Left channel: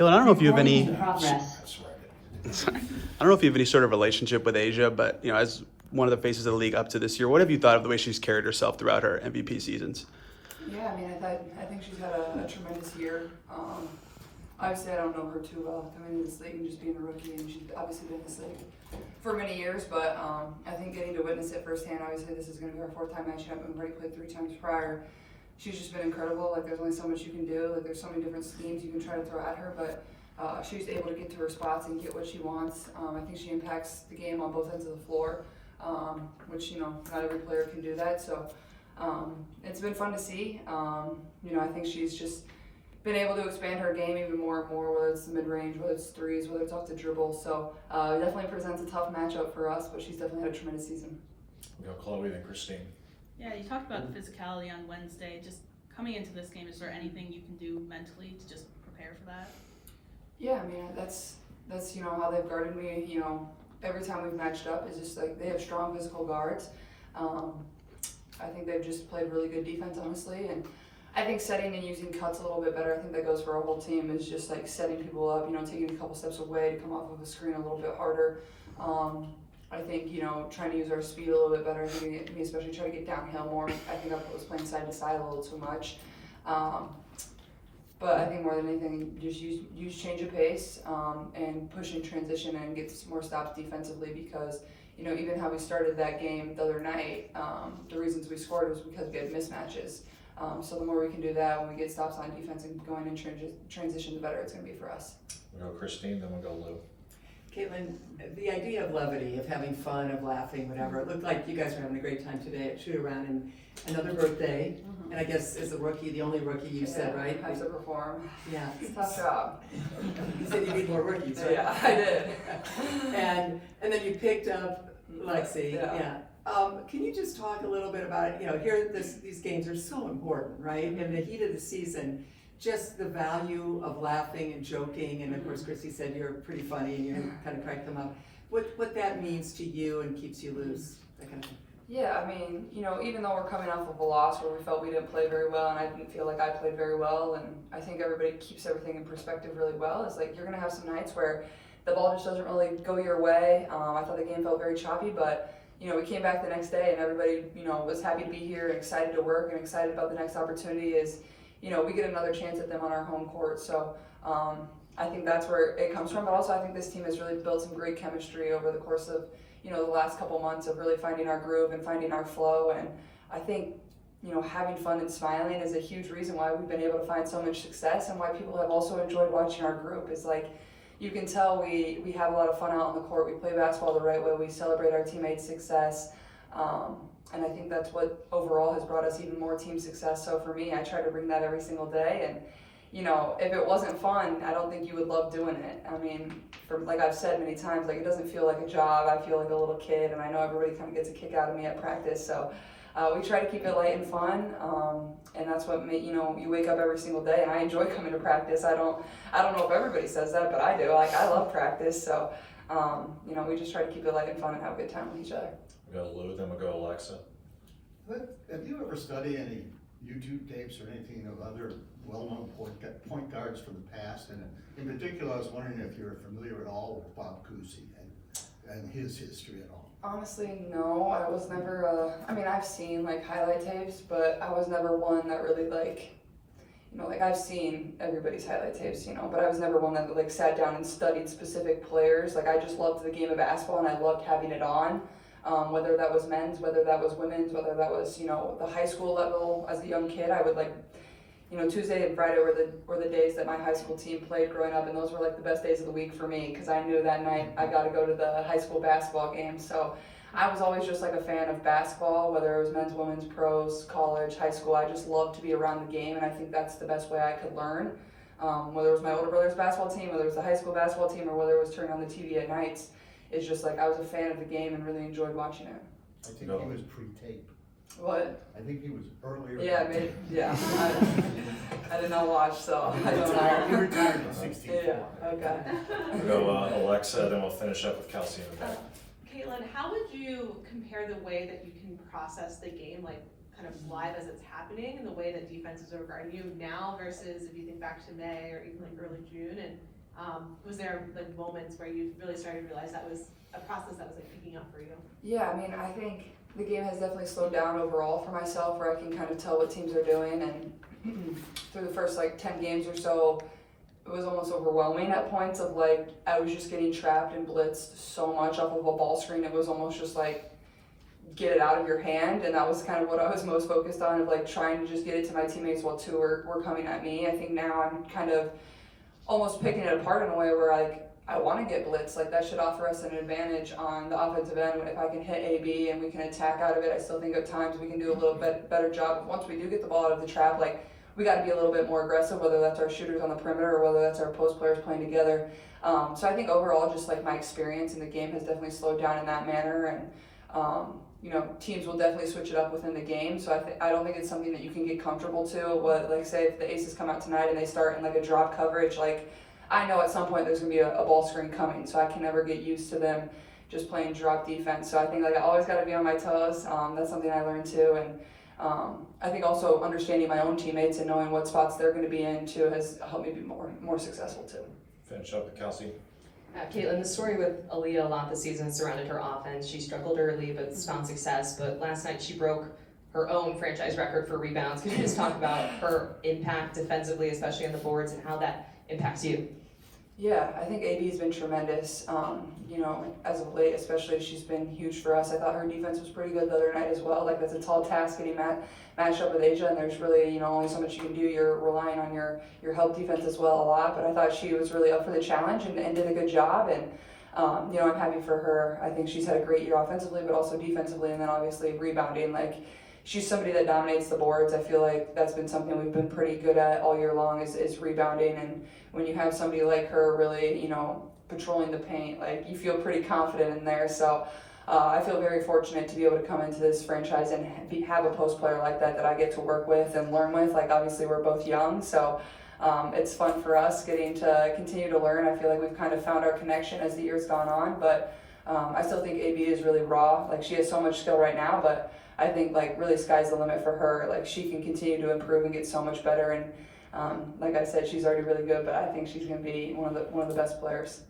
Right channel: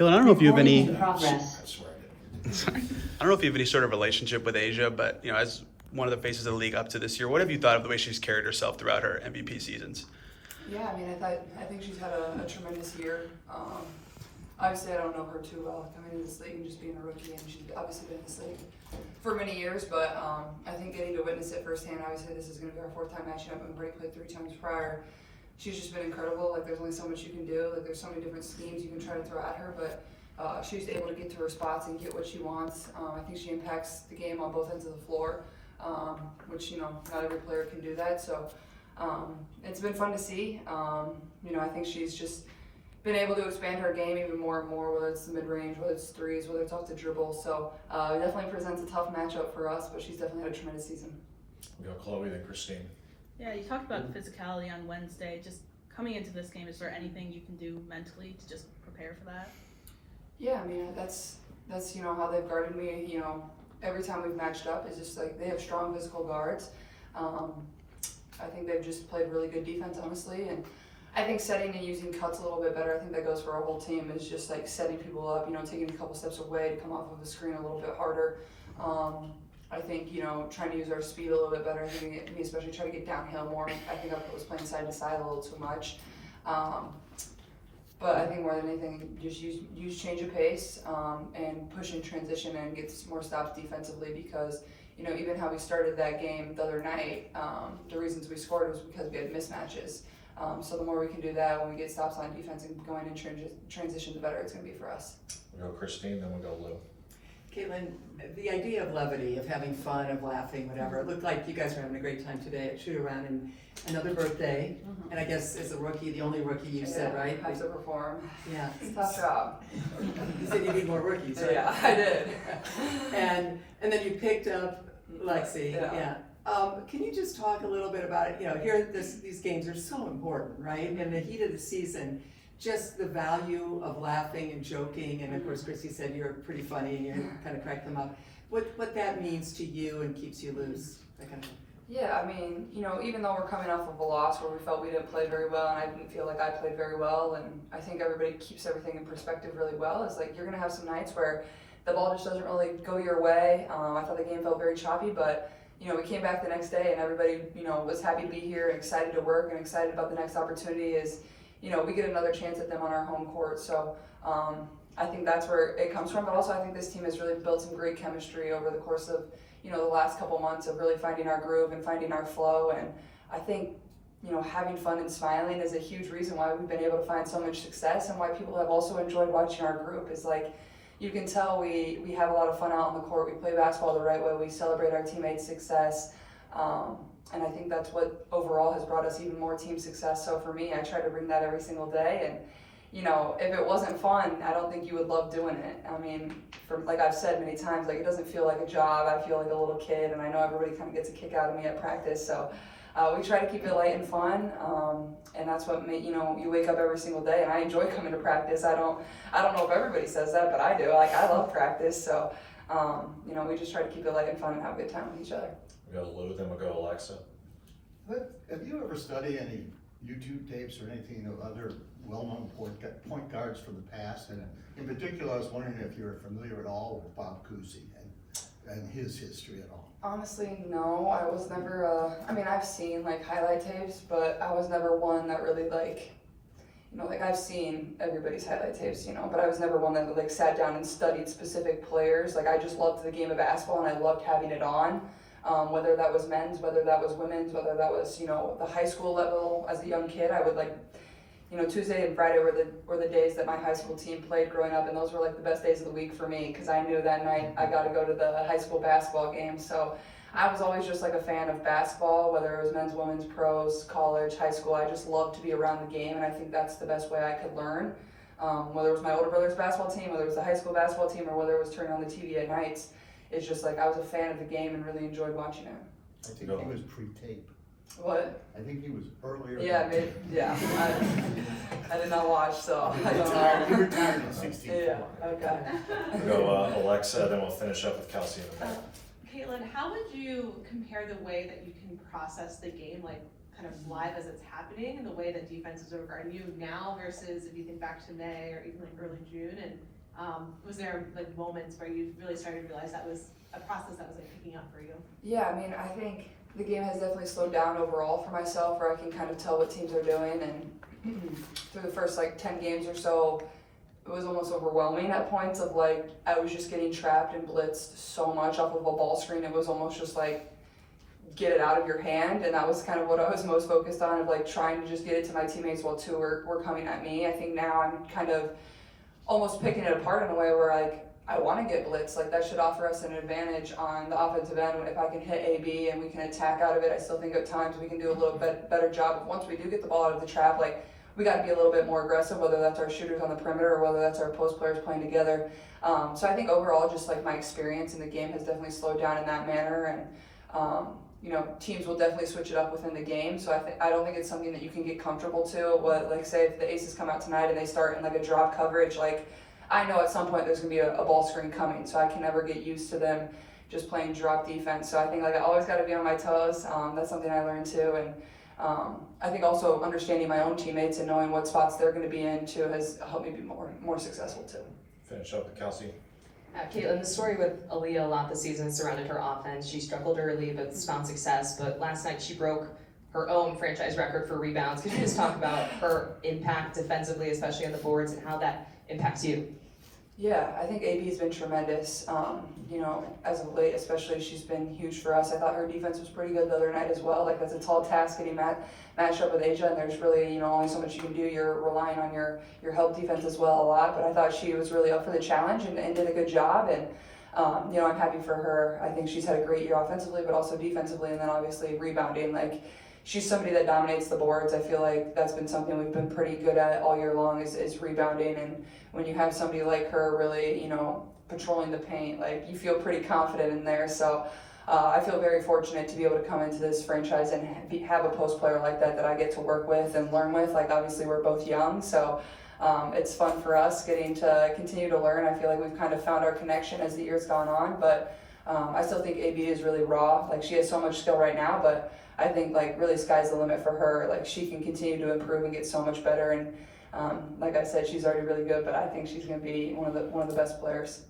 Caitlin, I don't know if you have any. Recording in progress. That's right. Sorry. I don't know if you have any sort of relationship with Asia, but as one of the faces of the league up to this year, what have you thought of the way she's carried herself throughout her MVP seasons? Yeah, I mean, I think she's had a tremendous year. Obviously, I don't know her too well coming into this league and just being a rookie, and she's obviously been in this league for many years, but I think getting to witness it firsthand, obviously this is going to be our fourth time matching up, and we've already played 3 times prior. She's just been incredible. Like, there's only so much you can do. Like, there's so many different schemes you can try to throw at her, but she's able to get to her spots and get what she wants. I think she impacts the game on both ends of the floor, which, not every player can do that, so it's been fun to see. I think she's just been able to expand her game even more and more, whether it's the mid-range, whether it's threes, whether it's off the dribble. So it definitely presents a tough matchup for us, but she's definitely had a tremendous season. We go Chloe, then Christine. Yeah, you talked about physicality on Wednesday. Just coming into this game, is there anything you can do mentally to just prepare for that? Yeah, I mean, that's how they've guarded me. Every time we've matched up, is just like they have strong physical guards. I think they've just played really good defense, honestly, and I think setting and using cuts a little bit better. I think that goes for our whole team, is just like setting people up, taking a couple steps away to come off of a screen a little bit harder. I think, trying to use our speed a little bit better. I think me especially try to get downhill more. I think I was playing side to side a little too much. But I think more than anything, just use change of pace and push in transition and get more stops defensively, because even how we started that game the other night, the reasons we scored was because we had mismatches. So the more we can do that when we get stops on defense and going in transition, the better it's going to be for us. We'll go Christine, then we'll go Lou. Caitlin, the idea of levity, of having fun, of laughing, whatever, it looked like you guys were having a great time today at Shoot Around, and another birthday, and I guess as a rookie, the only rookie you said, right? Have to perform. Yeah. It's a tough job. You said you need more rookies, right? Yeah, I did. and then you picked up Lexi, Yeah. Can you just talk a little bit about it? These games are so important, right? In the heat of the season, just the value of laughing and joking, and of course Chrissy said you're pretty funny and you kind of crack them up. What that means to you and keeps you loose, that kind of thing. Yeah, I mean, even though we're coming off of a loss where we felt we didn't play very well, and I didn't feel like I played very well, and I think everybody keeps everything in perspective really well, it's like you're going to have some nights where the ball just doesn't really go your way. I thought the game felt very choppy, but we came back the next day and everybody, was happy to be here and excited to work and excited about the next opportunity is, we get another chance at them on our home court. So I think that's where it comes from. But also I think this team has really built some great chemistry over the course of, the last couple months of really finding our groove and finding our flow. And I think, having fun and smiling is a huge reason why we've been able to find so much success, and why people have also enjoyed watching our group. Is like, you can tell we have a lot of fun out on the court. We play basketball the right way. We celebrate our teammates' success. And I think that's what overall has brought us even more team success. So for me, I try to bring that every single day. And, if it wasn't fun, I don't think you would love doing it. I mean, like I've said many times, like, it doesn't feel like a job. I feel like a little kid, and I know everybody kind of gets a kick out of me at practice. So we try to keep it light and fun, and that's what you wake up every single day, and I enjoy coming to practice. I don't know if everybody says that, but I do. Like, I love practice, so we just try to keep it light and fun and have a good time with each other. We'll go Lou, then we'll go Alexa. Have you ever studied any YouTube tapes or anything of other well-known point guards from the past? And in particular, I was wondering if you're familiar at all with Bob Cousy and his history at all. Honestly, no. I was never, I've seen like highlight tapes, but I was never one that really I've seen everybody's highlight tapes, but I was never one that sat down and studied specific players. Like, I just loved the game of basketball and I loved having it on. Whether that was men's, whether that was women's, whether that was, the high school level as a young kid, I would Tuesday and Friday were the days that my high school team played growing up, and those were the best days of the week for me, because I knew that night I got to go to the high school basketball game. So I was always just a fan of basketball, whether it was men's, women's, pros, college, high school. I just loved to be around the game, and I think that's the best way I could learn. Whether it was my older brother's basketball team, whether it was the high school basketball team, or whether it was turning on the TV at nights, it's just I was a fan of the game and really enjoyed watching it. I think he was pre-tape. What? I think he was earlier. Yeah, maybe. Yeah. I did not watch, so I don't know. He retired in '64. Yeah. Okay. We'll go Alexa, then we'll finish up with Kelsey in the back. Caitlin, how would you compare the way that you can process the game, kind of live as it's happening and the way that defenses are regarding you now versus if you think back to May or even like early June? And was there like moments where you really started to realize that was a process that was like picking up for you? Yeah, I mean, I think the game has definitely slowed down overall for myself, where I can kind of tell what teams are doing, and through the first like 10 games or so, it was almost overwhelming at points of like, I was just getting trapped and blitzed so much off of a ball screen, it was almost just like, get it out of your hand, and that was kind of what I was most focused on, of like trying to just get it to my teammates while two were coming at me. I think now I'm kind of almost picking it apart in a way where like, I want to get blitzed, like that should offer us an advantage on the offensive end. If I can hit AB and we can attack out of it, I still think at times we can do a little bit better job. Once we do get the ball out of the trap, like we got to be a little bit more aggressive, whether that's our shooters on the perimeter or whether that's our post players playing together. So I think overall, just like my experience in the game has definitely slowed down in that manner, and you know, teams will definitely switch it up within the game. So I don't think it's something that you can get comfortable to. What, like say if the Aces come out tonight and they start in like a drop coverage, like I know at some point there's gonna be a ball screen coming, so I can never get used to them just playing drop defense. So I think like I always got to be on my toes. That's something I learned too, and I think also understanding my own teammates and knowing what spots they're going to be in too has helped me be more successful too. Finish up with Kelsey. Caitlin, the story with Aaliyah a lot this season surrounded her offense. She struggled early but found success, but last night she broke her own franchise record for rebounds. Could you just talk about her impact defensively, especially on the boards, and how that impacts you? Yeah, I think AB's been tremendous. You know, as of late, especially, she's been huge for us. I thought her defense was pretty good the other night as well. Like, that's a tall task getting matched up with Asia, and there's really, you know, only so much you can do. You're relying on your help defense as well a lot, but I thought she was really up for the challenge and did a good job. And you know, I'm happy for her. I think she's had a great year offensively, but also defensively, and then obviously rebounding. Like, she's somebody that dominates the boards. I feel like that's been something we've been pretty good at all year long is rebounding. And when you have somebody like her really, you know, patrolling the paint, like you feel pretty confident in there. So I feel very fortunate to be able to come into this franchise and have a post player like that I get to work with and learn with. Like, obviously we're both young, so it's fun for us getting to continue to learn. I feel like we've kind of found our connection as the year's gone on, but I still think AB is really raw. Like, she has so much skill right now, but I think like really sky's the limit for her. Like, she can continue to improve and get so much better. And like I said, she's already really good, but I think she's going to be one of the best players.